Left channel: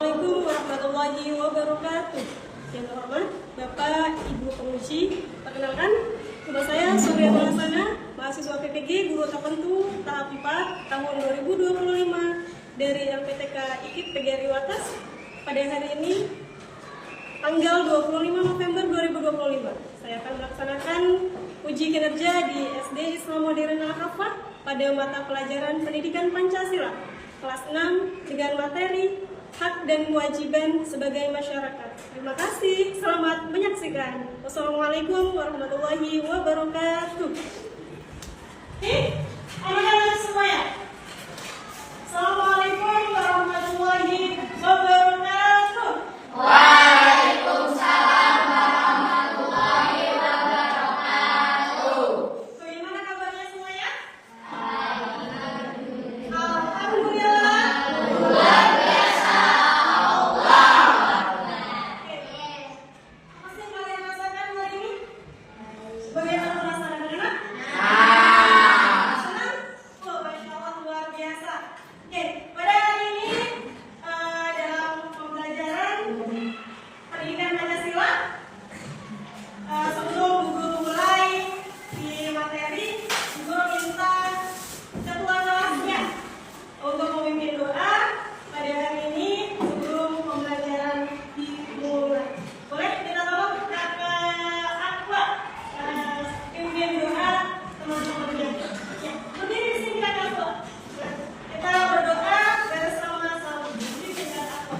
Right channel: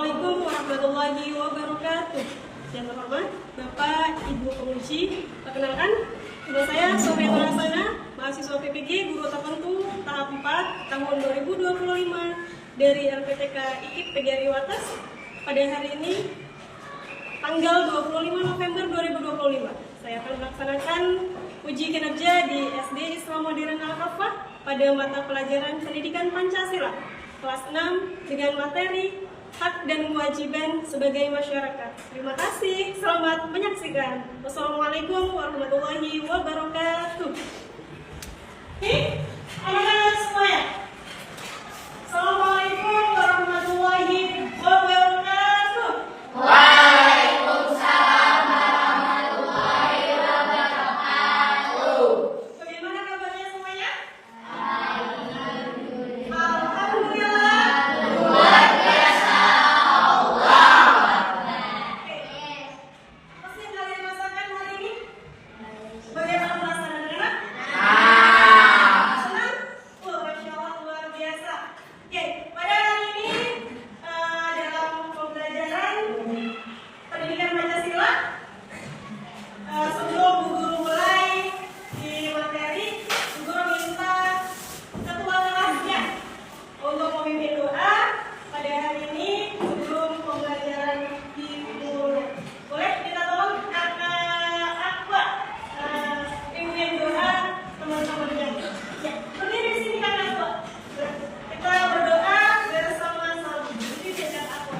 Assalamualaikum warahmatullahi wabarakatuh. Yang terhormat Bapak Ibu penguji, perkenalkan nama saya Sofiatul Hasanah, mahasiswa PPG Guru Tertentu tahap 4 tahun 2025 dari LPTK IKIP PGRI Wates. Pada hari ini tanggal 25 November 2025 saya akan melaksanakan uji kinerja di SD Islam Modern Al-Kafah pada mata pelajaran Pendidikan Pancasila kelas 6 dengan materi hak dan kewajiban sebagai masyarakat. Terima kasih, selamat menyaksikan. Wassalamualaikum warahmatullahi wabarakatuh. Anak-anak semuanya, Assalamualaikum warahmatullahi wabarakatuh. Waalaikumsalam warahmatullahi wabarakatuh. Bagaimana kabarnya semuanya? Alhamdulillah. Luar biasa. Masih kalian rasakan hari ini? Bagaimana penasaran anak? Senang? Oh, Masya Allah, luar biasa. Oke, pada hari ini dalam pembelajaran pendidikan Pancasila, sebelum Bu Guru mulai di materi, Bu Guru minta ketua kelasnya untuk memimpin doa pada hari ini sebelum pembelajaran dimulai. Boleh kita tolong Kakak Aqua pimpin doa teman-teman. Ya, berdiri di sini Kakak Aqua. Kita berdoa bersama-sama. Berdiri Kakak Aqua.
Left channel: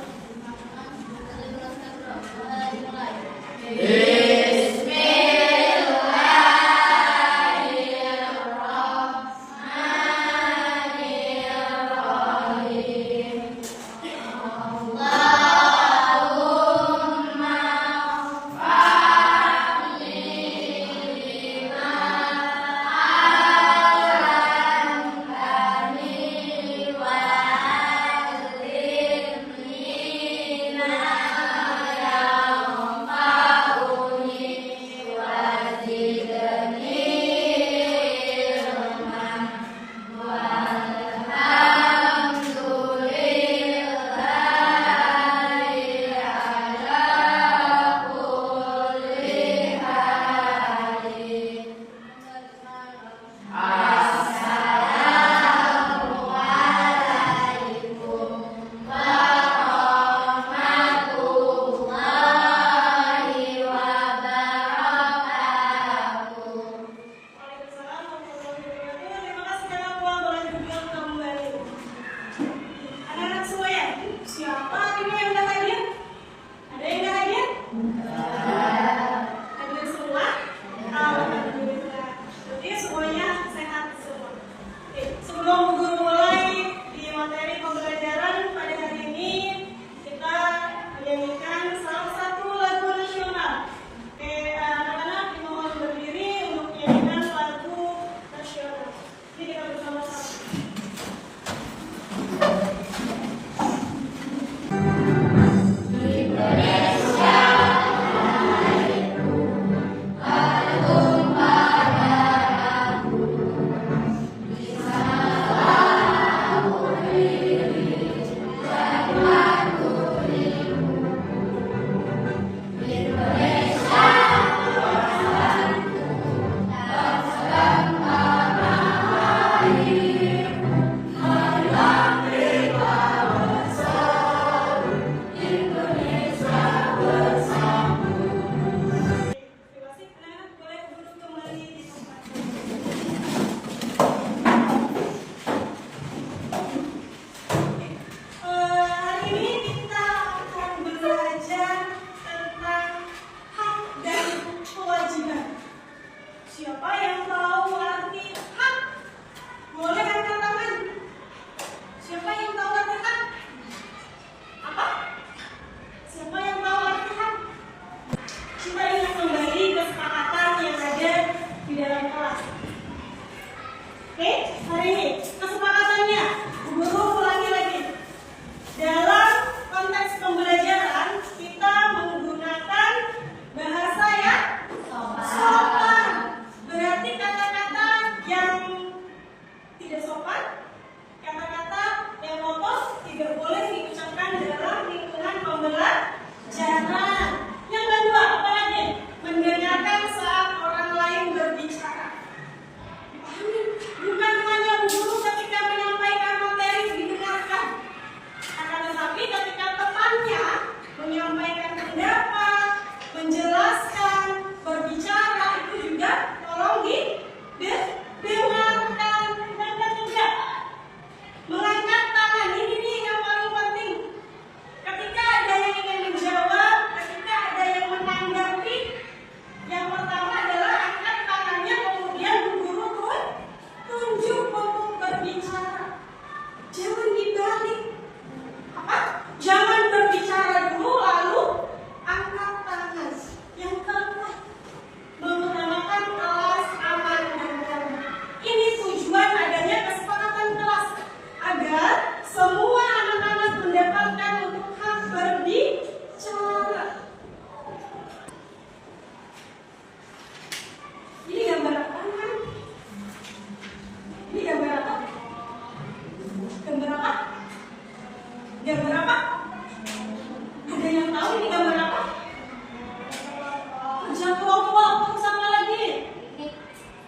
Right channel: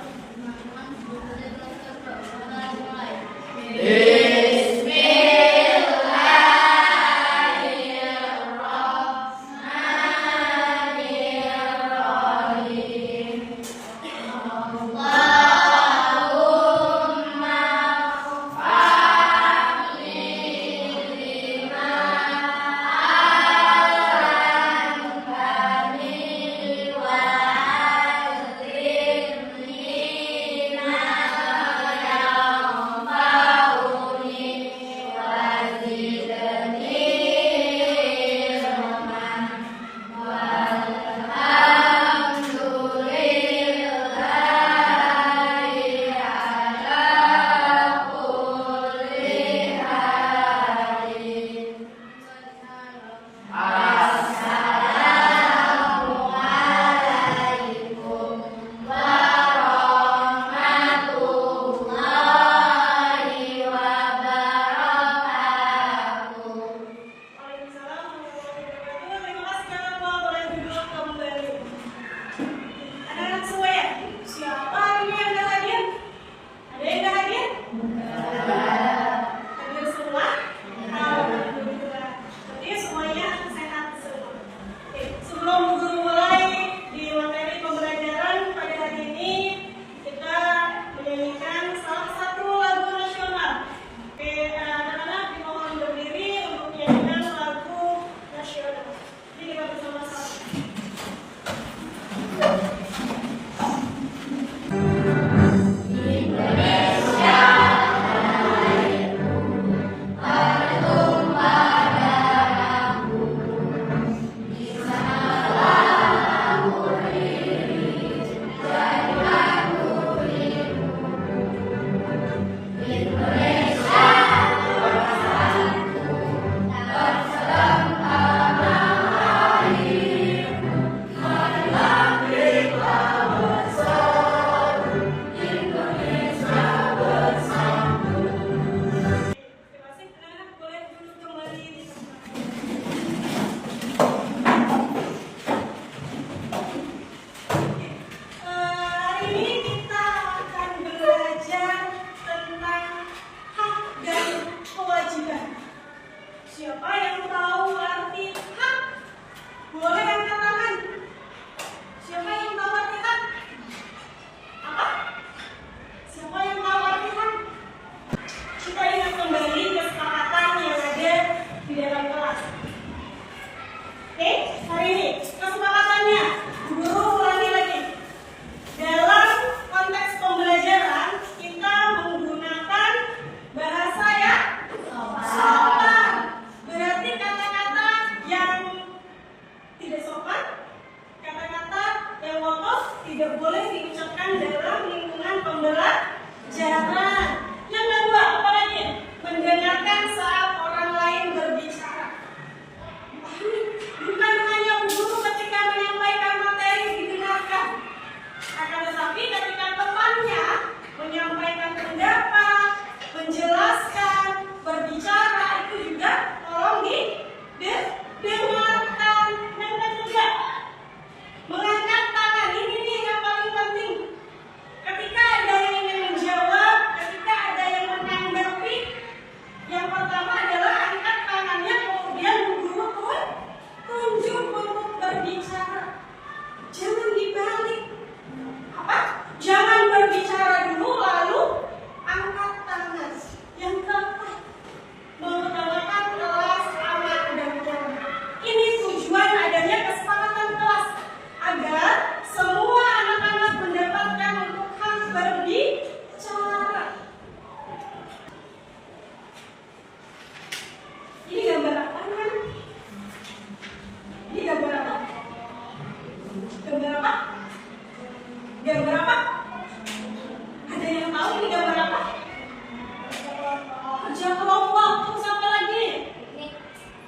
Waalaikumsalam warahmatullahi wabarakatuh. Terima kasih Kakak Aqua, boleh duduk kembali. Anak-anak semuanya, siapa ini yang nggak hadir? Ada yang nggak hadir? Hadir semua? Alhamdulillah. Jadi semuanya sehat semua. Oke, sebelum Bu Guru mulai di materi pembelajaran pada hari ini, kita menyanyikan salah satu lagu nasional. Oke, anak-anak dimohon berdiri untuk menyanyikan lagu nasional. Jadi kita bersama-sama. Gambar apa? Ada yang tahu ini gambar apa? Kerja kelompok. Terus apa lagi?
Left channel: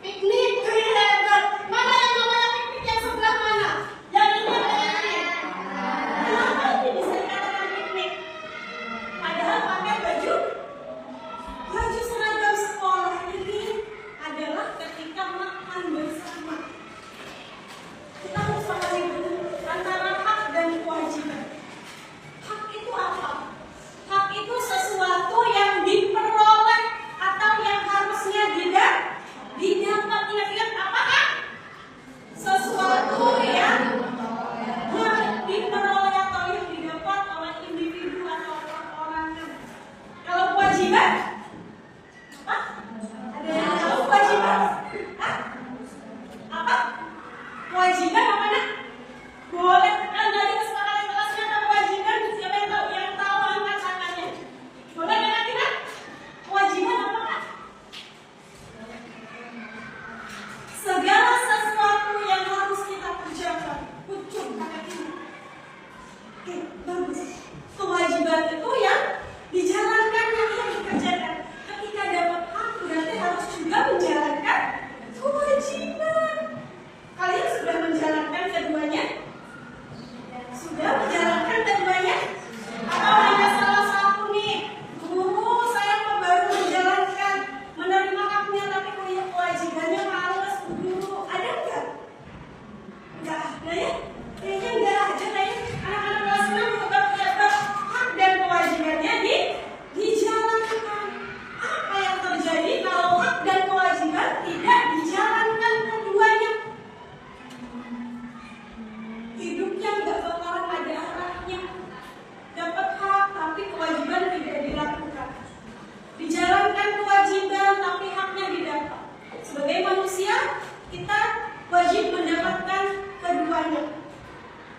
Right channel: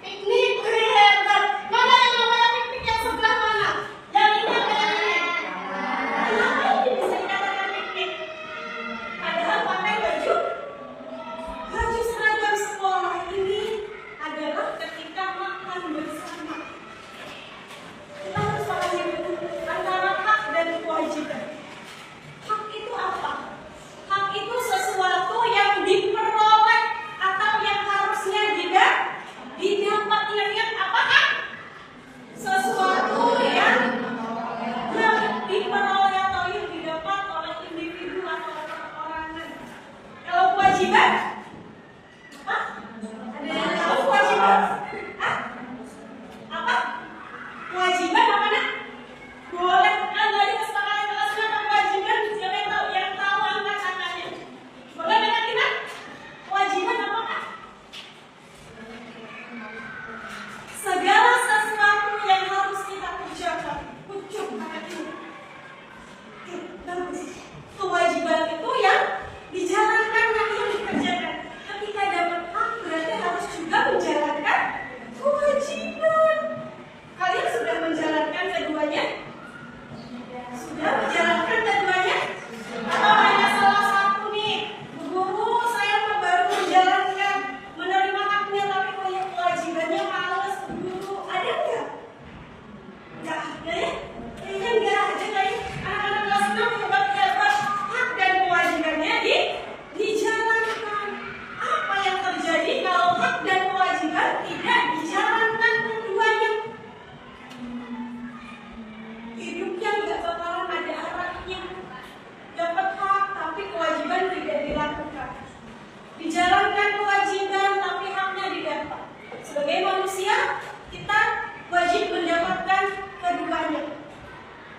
Piknik. Hebat. Mana yang namanya piknik yang sebelah mana? Yang ini apa yang ini? Kenapa ini bisa dikatakan piknik? Padahal pakai baju seragam sekolah ini adalah ketika makan bersama. Kita harus pahami dulu antara hak dan kewajiban. Hak itu apa? Hak itu sesuatu yang diperoleh atau yang harusnya didapat. Ingat-ingat apa kan? Sesuatu yang diperoleh atau yang didapat oleh individu atau perorangan. Kalau kewajiban, apa? Ada yang tahu kewajiban? Hah? Apa? Kewajiban apa nak? Boleh anda ada kesepakatan kelasnya atau kewajiban? Siapa yang tahu? Yang tahu angkat tangannya. Boleh dengar kita? Kewajiban apa kak? Segala sesuatu yang harus kita kerjakan. Ucuk kakak ini. Oke, bagus. Kewajiban itu yang dijalankan, yang dikerjakan. Ketika dapat hak berarti harus juga menjalankan kewajiban. Kalian sudah menjalankan keduanya? Sudah menjalankan keduanya? Atau hanya salah satu nih? Guru, saya baru menjalankan, menerima haknya tapi kewajibannya males. Guru, ada nggak? Nggak ada ya? Kayaknya nggak aja kayaknya. Anak-anak kelas 6 dapat hak dan kewajibannya dijalankan. Apa yang terjadi kalau hak dan kewajiban tidak dijalankan keduanya? Hidupnya nggak bakalan ada arahnya. Dapat hak tapi kewajiban tidak dilakukan. Dijalankan kewajiban tapi haknya didapat. Sebagai manusia kita wajib mendapatkan keduanya.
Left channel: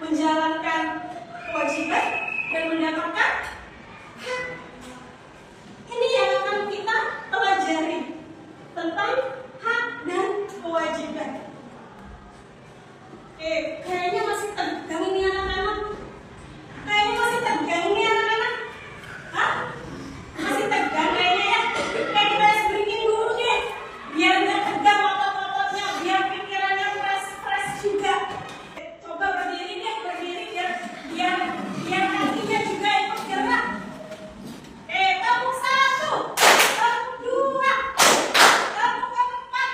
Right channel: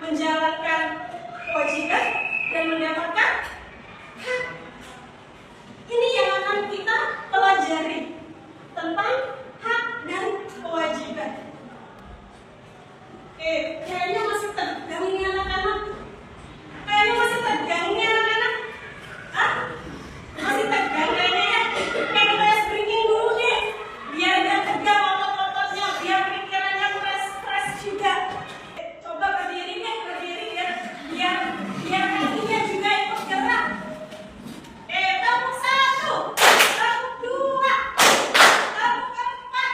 Menjalankan kewajiban dan mendapatkan hak. Ini yang akan kita pelajari tentang hak dan kewajiban. Oke, kayaknya masih tegang nih anak-anak. Kayaknya masih tegang nih anak-anak. Hah? Masih tegang kayaknya ya? Kayak kita breaking dulu deh. Biar gak tegang otot-ototnya, biar pikirannya fresh juga. Coba berdiri deh, biar kakinya juga ikut gerak. Tepuk 1, tepuk 2, tepuk 4,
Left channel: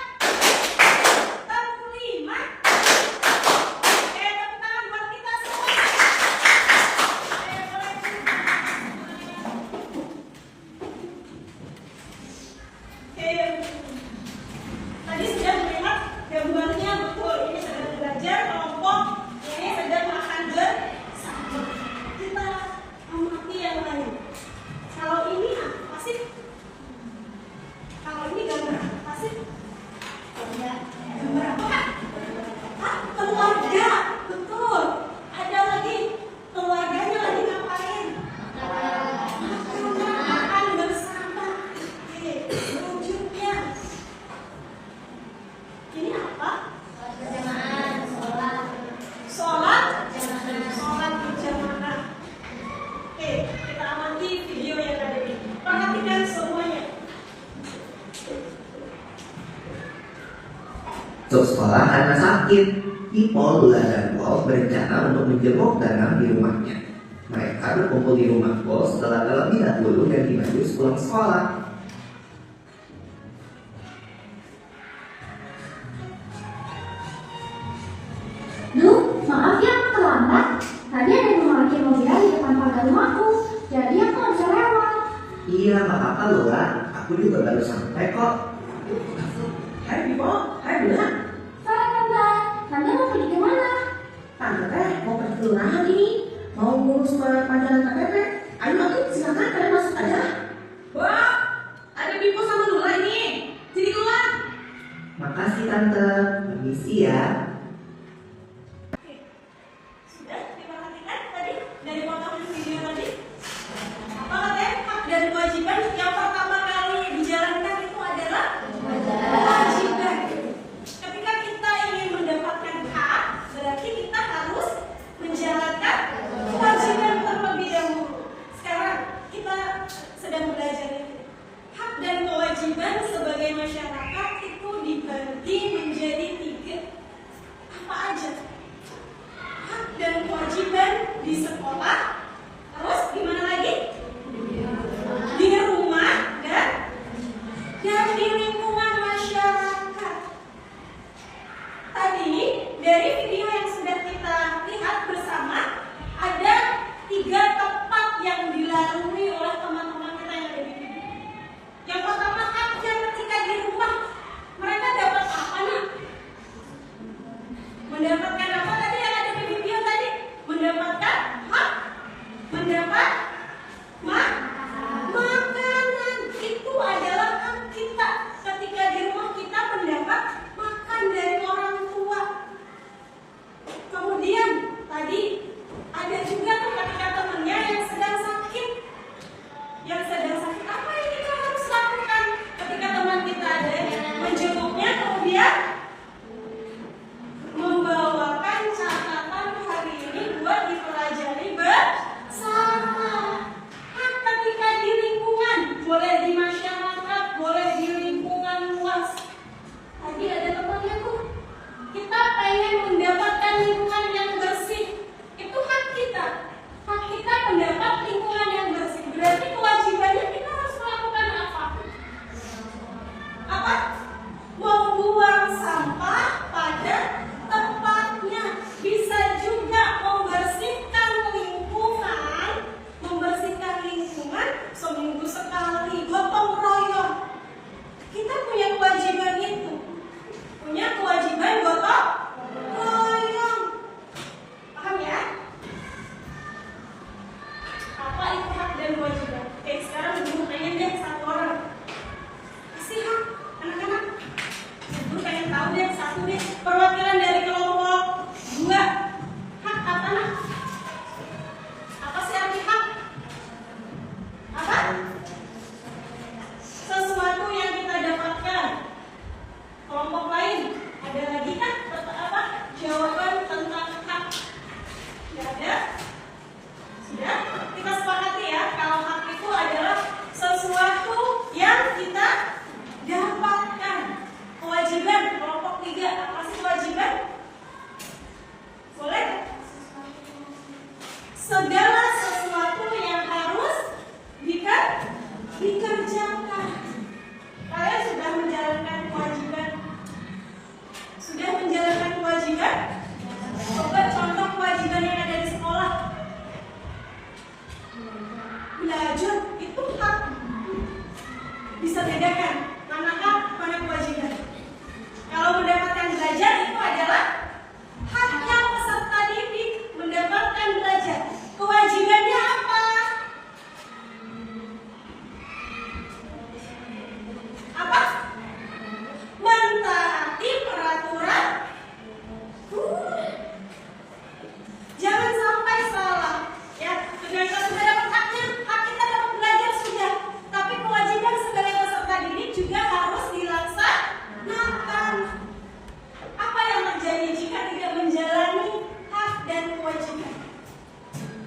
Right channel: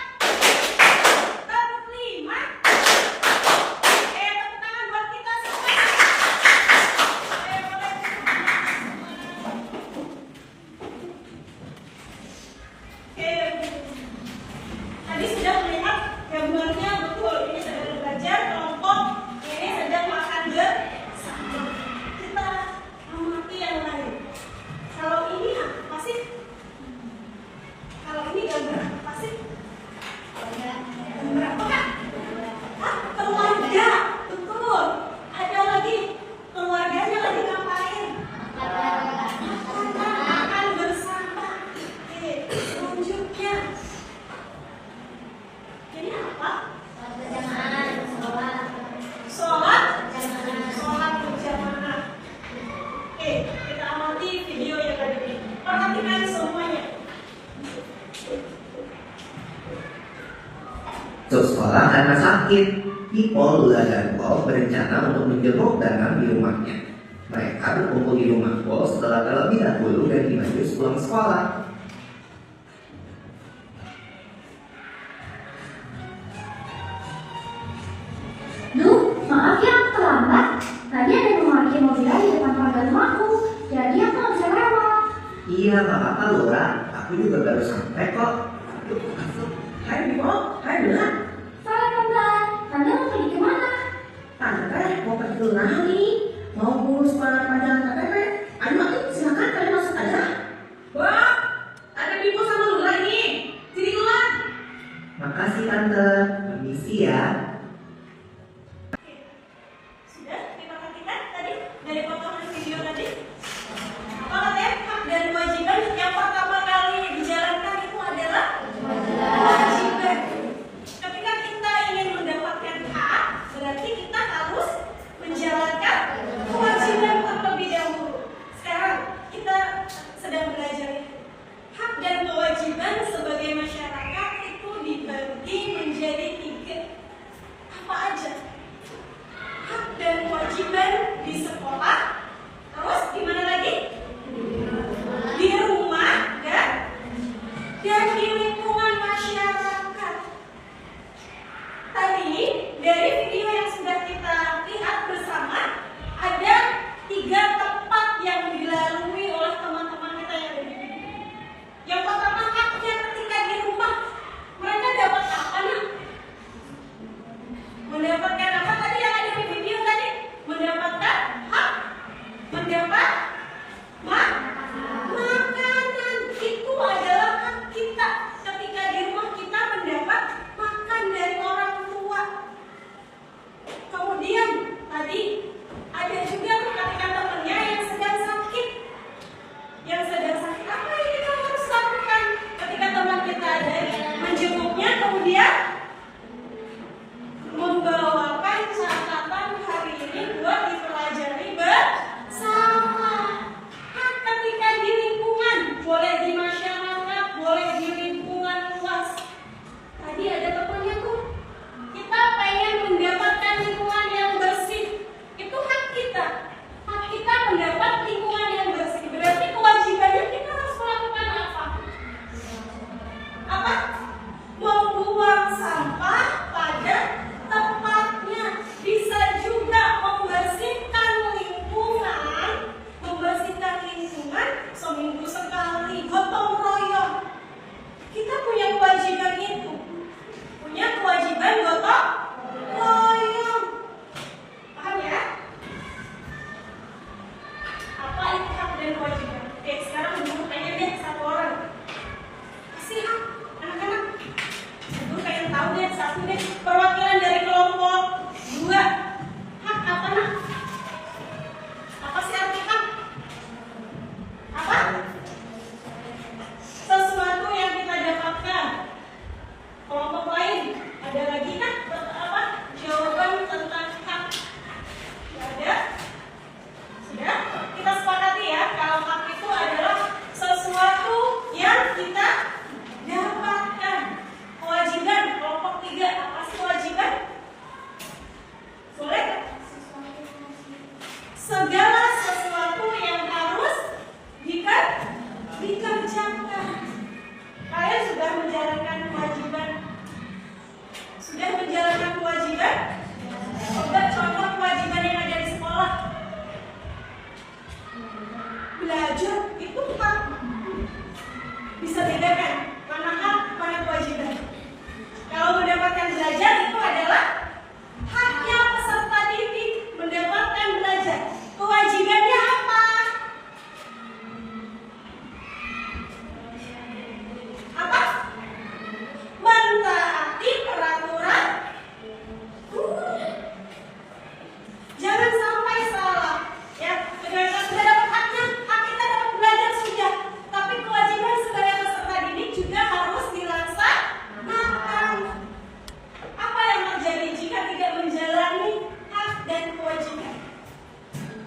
tepuk 5. Tepuk tangan buat kita semua. Tadi sudah melihat gambarnya betul. Ini sedang belajar kelompok, ini sedang makan bersama. Kita amati yang lain. Kalau ini apa sih? Kalau ini gambar apa sih? Gambar apa kak? Hah? Keluarga. Betul. Ada lagi. Keluarganya lagi ngapain? Makan bersama. Oke, selanjutnya. Ini apa? Sholat berjamaah. Oke, kita amati video yang ada ini. Perhatikan semuanya. Untuk sekolah karena sakit, Ipol, Lula, dan Pol berencana untuk menjenguk Danang di rumahnya. Mereka berkumpul di rumah Pol setelah terlebih dahulu ganti baju pulang sekolah. Duh, maaf ya aku terlambat. Tadi ada yang memakai mobil di depan pagar rumahku, jadi aku nggak bisa lewat. Iya, nggak apa-apa Lula. Aku juga baru sampai kok. Hai Ipol, hai Lula. Sore tante, tante mau pergi kemana? Tante mau pergi ke rumah nih. Mau ngurus pelajaran KTP. Ayo masuk, silakan kalian masuk aja. Wah, ada Bipo sama Lula ini. Sini Lula. Makasih Tante, permisi ya. Sudah diperhatikan tadi dari potongan video tadi? Apa katanya? Hak dan kewajiban yang pertama kali dijalankan itu adalah kewajiban. Ketika kita ingin mendapatkan hak, berarti kita harus menjalankan kewajiban. di sekolah, terus gimana lagi? Di rumah dan di lingkungan masyarakat. Tadi dari video yang sudah kita lihat bersama, ada 3 tempat yang dilalui oleh teman-teman kita yang ada di sini. Yang pertama, haknya ketika di rumah, mereka dapat apa nih? Mendapatkan apa tadi yang ada di video tadi? Mendapatkan hak, mendapat makanan. Itu adalah hak kita ketika di rumah kita mendapat makan dari orang tua. Kemudian tadi ada juga tuh ketika temannya yang sedang sakit. Yang sedang sakit, apa yang kita harus lakukan ketika teman kita ada? Menjenguknya, kemudian membawakan catatan hari ini buat dipelajari bersama. Hak ketika di lingkungan, boleh di masyarakat, boleh di lingkungan luas. Tadi ada temannya tuh, kita pengen mendapatkan lingkungan yang bersih. Itu hak kita. Hak kita mendapat lingkungan yang bersih. Berarti kewajibannya kita harus melakukan apa? Apa? Membuang sampah pada tempatnya. Bisa juga membersihkan lingkungan. Membersihkan lingkungan seminggu sekali. Gotong royong. Kita punya kewajiban itu. Punya kewajiban gotong royong. Paham ya? Apa itu hak dan kewajiban? Oke, sekarang guru tanya deh satu orang. Kasih hak anak-anak. Guru pengen tahu deh satu deh. Perwakilan dari kelompok 2. Hak apa nak? Apa sih arti hak? Apa? Sesuatu yang kita dapatkan. Kelompok lain ada lagi kan? Apa? Jawaban tentang hak. Tidak ada? Sudah? Kita sepakati ya, kalau hak itu adalah sesuatu yang kita dapatkan. Kewajiban, kelompok 3, apa sih kewajiban? Boleh? Segala sesuatu yang harus dikerjakan. Kalian sudah menjalankan kewajiban? Sudah menjalankan kewajiban? Coba contoh kewajiban yang ada di sekolah. Belajar itu hak. Bisa bedakan mana hak, mana kewajiban. Kalau mendapatkan belajar itu adalah haknya peserta didik mendapatkan belajar. Kewajibannya apa? Apa? Mentaati peraturan. Jangan sampai salah. Ya, dengan kita sudah dapat haknya, hak kita dapat belajar sudah. Tapi kewajiban sebagai peserta didik juga harus dilaksanakan. Apa yang terjadi jika tidak menjalani hak dan kewajiban?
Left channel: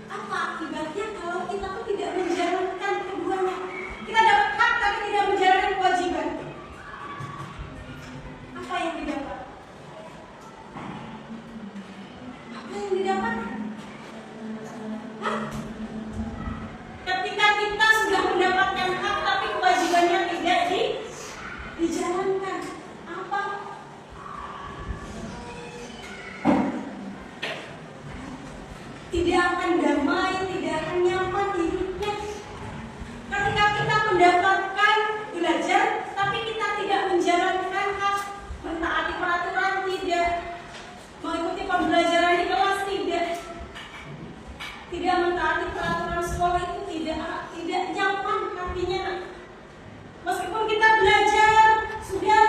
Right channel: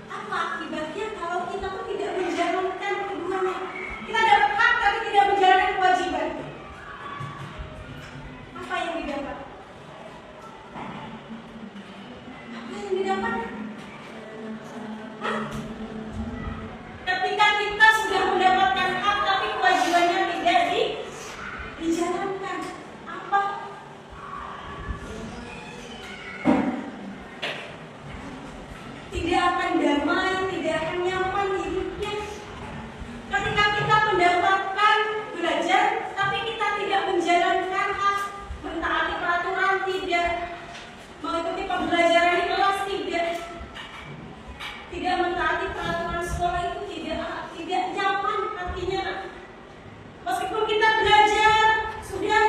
Apa akibatnya kalau kita tuh tidak menjalankan keduanya? Kita dapat hak tapi tidak menjalankan kewajiban. Apa yang didapat? Apa yang didapat? Hah? Ketika kita sudah mendapatkan hak tapi kewajibannya tidak dijalankan, apa? Tidak akan damai, tidak akan nyaman hidupnya. Ketika kita mendapatkan belajar tapi kita tidak menjalankan hak, mentaati peraturan tidak, mengikuti pembelajaran di kelas tidak mentaati peraturan sekolah itu tidak nyaman hatinya. Meskipun kita belajar sudah,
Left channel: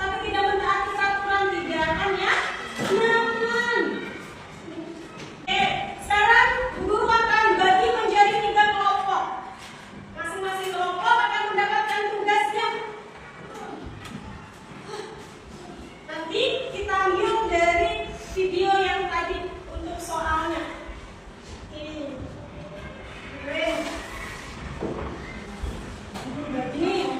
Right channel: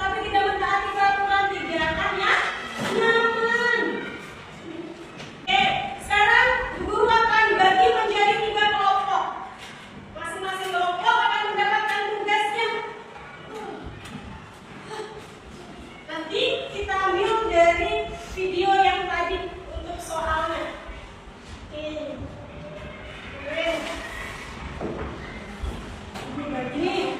tapi tidak mentaati peraturan tidak akan nyaman. Sekarang guru akan bagi menjadi 3 kelompok. Masing-masing kelompok akan mendapatkan tugasnya. Nanti kita ambil dari video yang tadi untuk soalnya. Begini.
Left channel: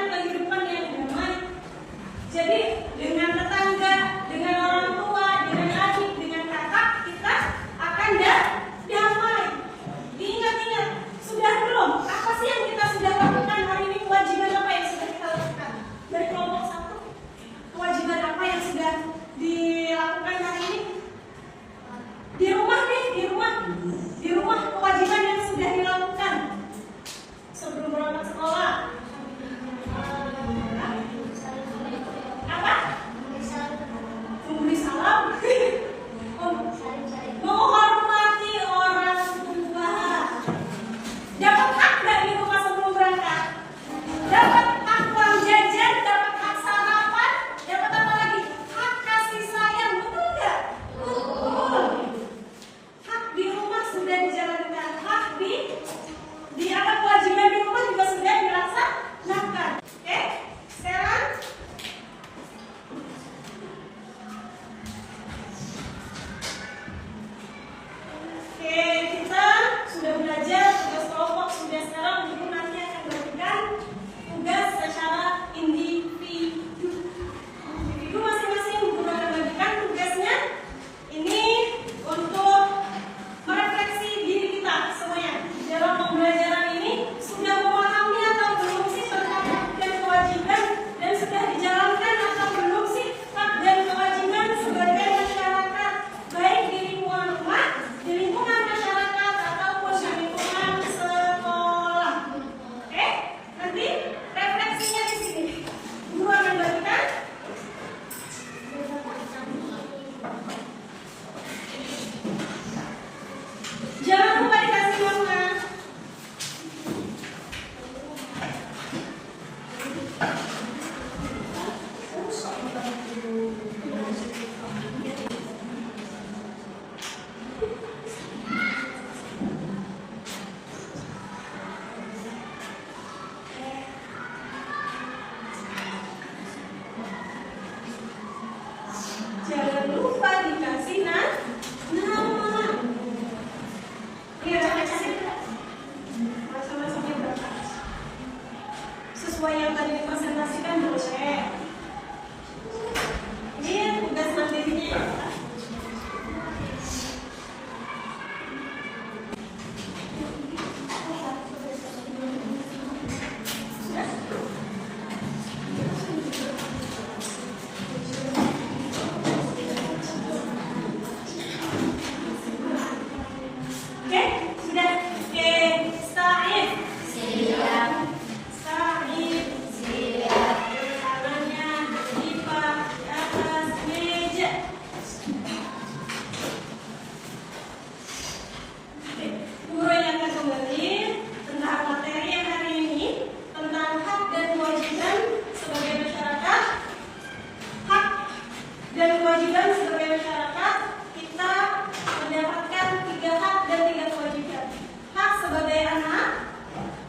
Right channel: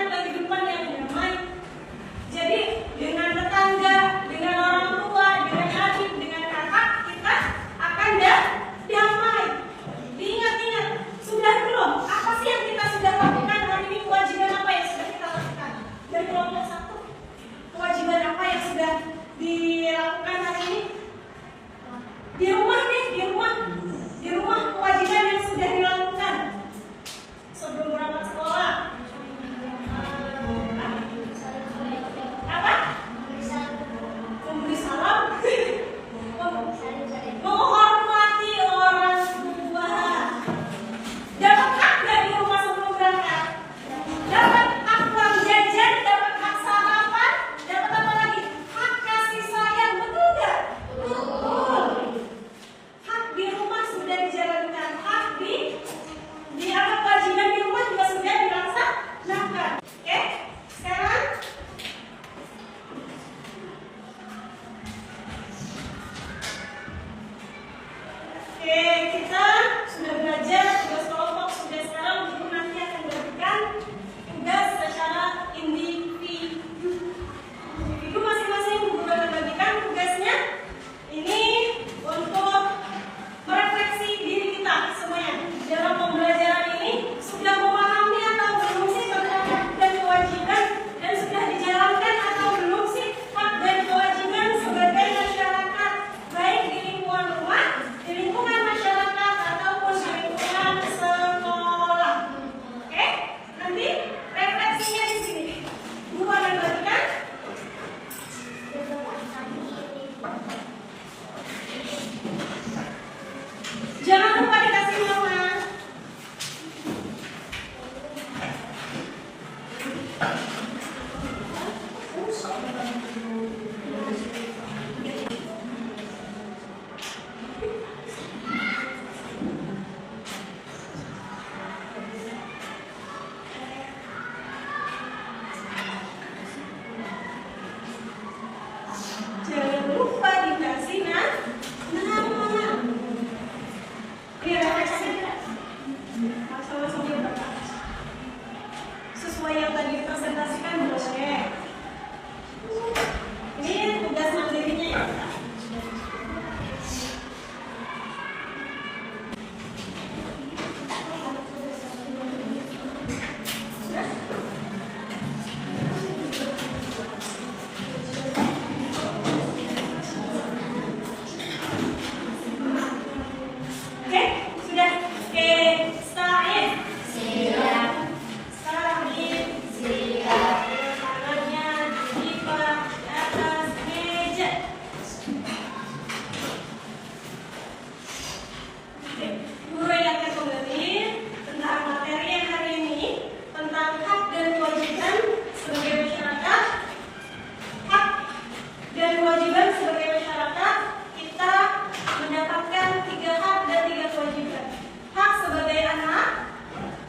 menjalankan kehidupan yang damai. Jadi dengan tetangga, dengan orang tua, dengan adik, dengan kakak, kita akan damai. Diingat-ingat, sudah belum? Apa sih yang kita sudah lakukan hari ini? Kewajiban apa yang sudah kita lakukan? Dari kelompok 1, kewajiban apa yang sudah dilakukan hari ini? Di rumah nih, di rumah kewajiban yang sudah dilakukan sebelum berangkat sekolah. Apa? Memberi salam. Menghormati orang tua. Dapat hak nggak di rumah sebelum berangkat? Dapat hak uang jajan, dapat hak sarapan, dapat apa lagi? Hak kasih sayang, betul nggak? Betul. Hak di rumah sudah dijalankan, hak di apa kewajiban di rumah juga sudah dilaksanakan. Oke, sekarang kita sudah belajar tugas kelompok, sudah sekarang guru nanti akan memberikan tugas secara individu. Individu masing-masing guru akan bagikan tugasnya. Ini untuk merefleksi diri kita semuanya dalam pembelajaran ini. Sudah memahami atau belum sih tentang hak dan kewajiban, dan sudah dijalankan atau belum sih hak dan kewajiban sebagai masyarakat, baik di lingkungan rumah, di lingkungan masyarakat, ataupun di lingkungan sekolah. Oke, nanti refleksinya di sini. Guru akan bagikan. Jangan lupa dikasih warna. Jangan lupa dikasih nama. Ini refleksi masa-masanya berapa? Sesuai yang tadi dipresentasikan boleh. Ini tugas mandirinya ya. Oke, sudah. Oke, Said. Siap. Said. Siap. Tangannya dipak di atas meja. Oke, guru yang akan kembali tentang materi yang hari ini, tentang hak dan kewajiban sebagai masyarakat. Hak dan kewajiban sebagai masyarakat, kita mendapatkan 3 hak dan 3 kewajiban. Hak sebagai anak,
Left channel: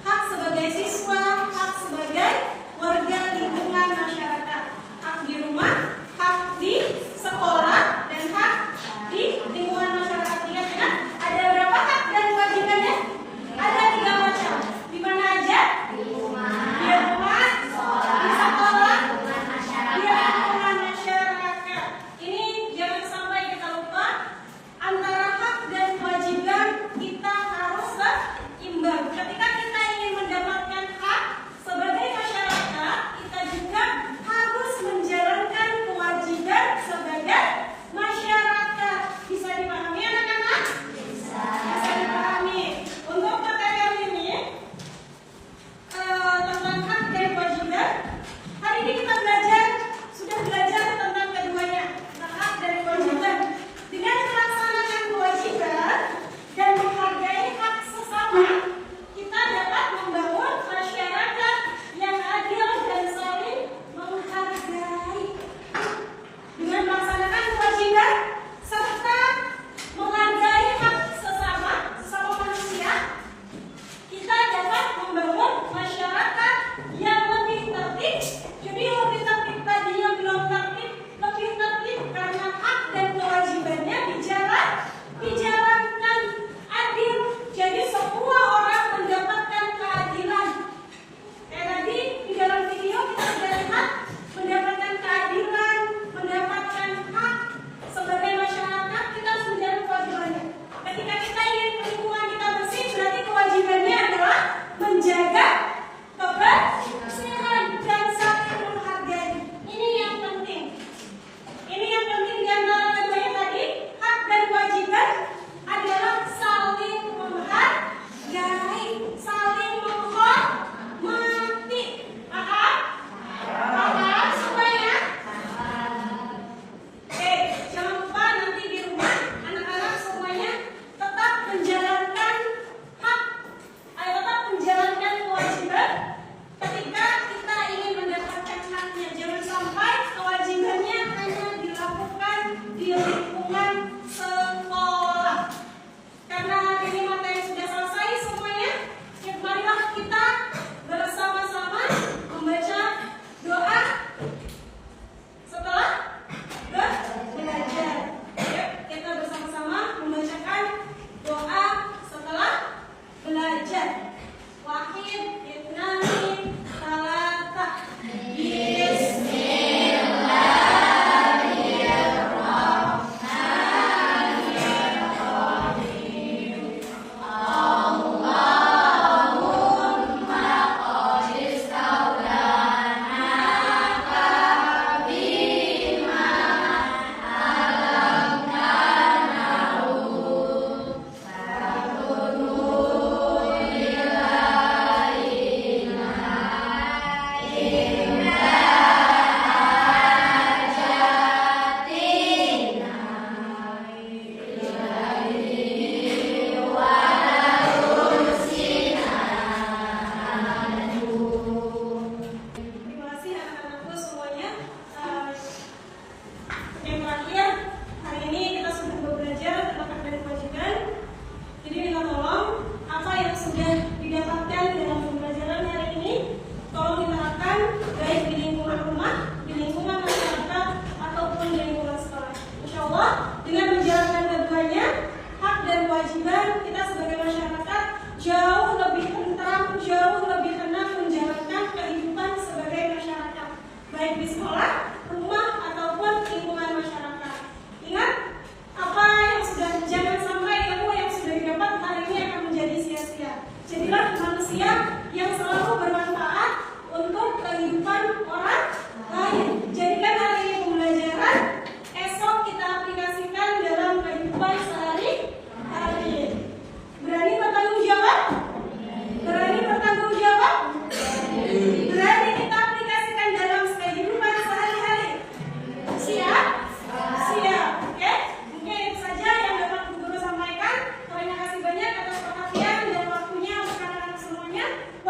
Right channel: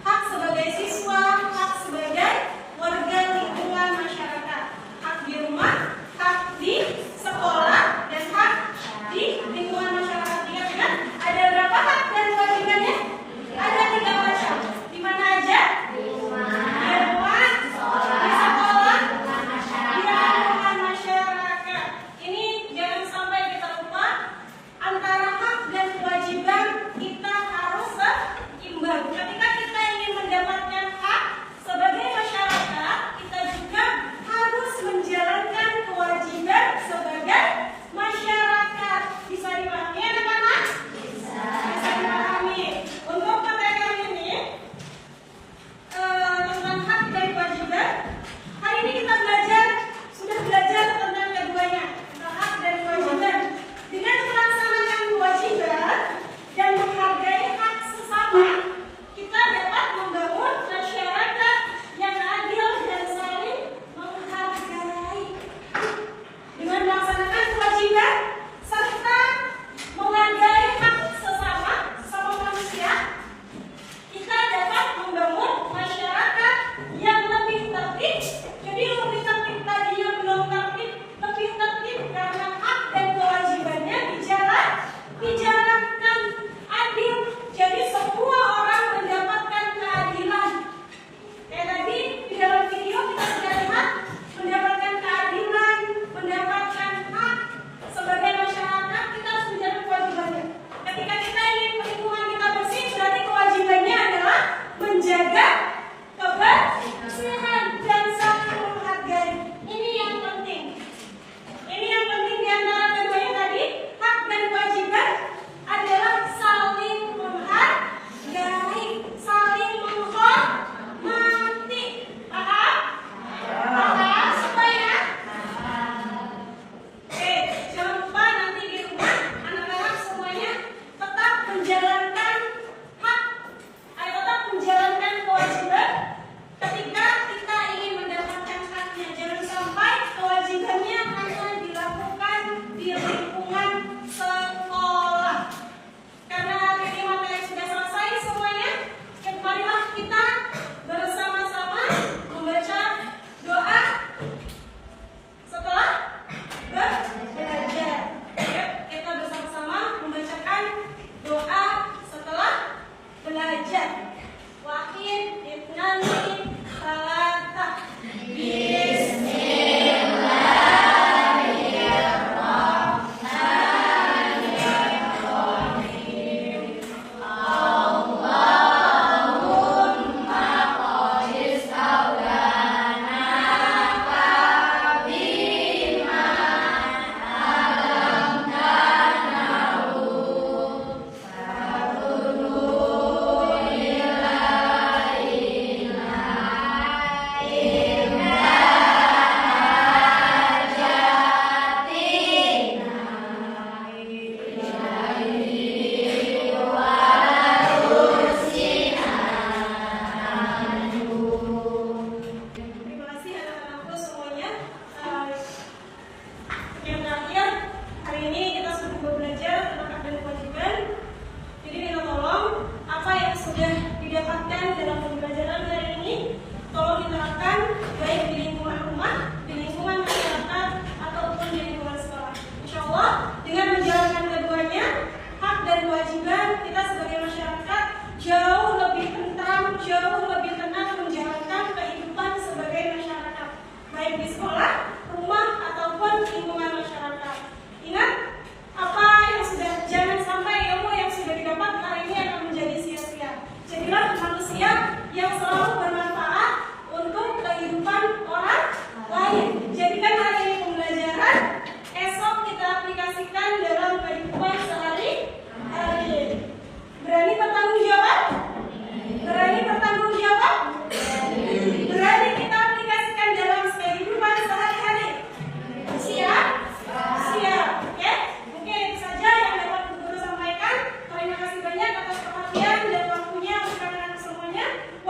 hak sebagai siswa, hak sebagai warga lingkungan masyarakat. Hak di rumah, hak di sekolah, dan hak di lingkungan masyarakat. Ingat ya, ada berapa hak dan kewajibannya? Ada 3 macam. Di mana aja? Di rumah, di sekolah, di lingkungan masyarakat. Ini jangan sampai kita lupa, antara hak dan kewajiban kita harus seimbang. Ketika kita ingin mendapatkan hak sebagai masyarakat, kita juga harus menjalankan kewajiban sebagai masyarakat. Bisa dipahami anak-anak? Bisa dipahami. Untuk materi hari ini tentang hak dan kewajiban, hari ini kita sudah belajar tentang keduanya, tentang hak dan kewajiban. Dengan melaksanakan kewajiban dan menghargai hak sesama, kita dapat membangun masyarakat yang adil dan saling menghargai. Dengan melaksanakan kewajiban serta menghargai hak sesama manusia, kita dapat membangun masyarakat yang lebih tertib. Jadi lebih tertib tadinya belum tertib, lebih tertib karena hak dan kewajibannya dijalankan adil. Jadi semua orang mendapatkan keadilan. Kayak tadi di dalam video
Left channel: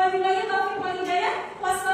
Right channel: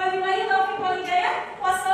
Wabillahi taufiq wal hidayah. Wassalamualaikum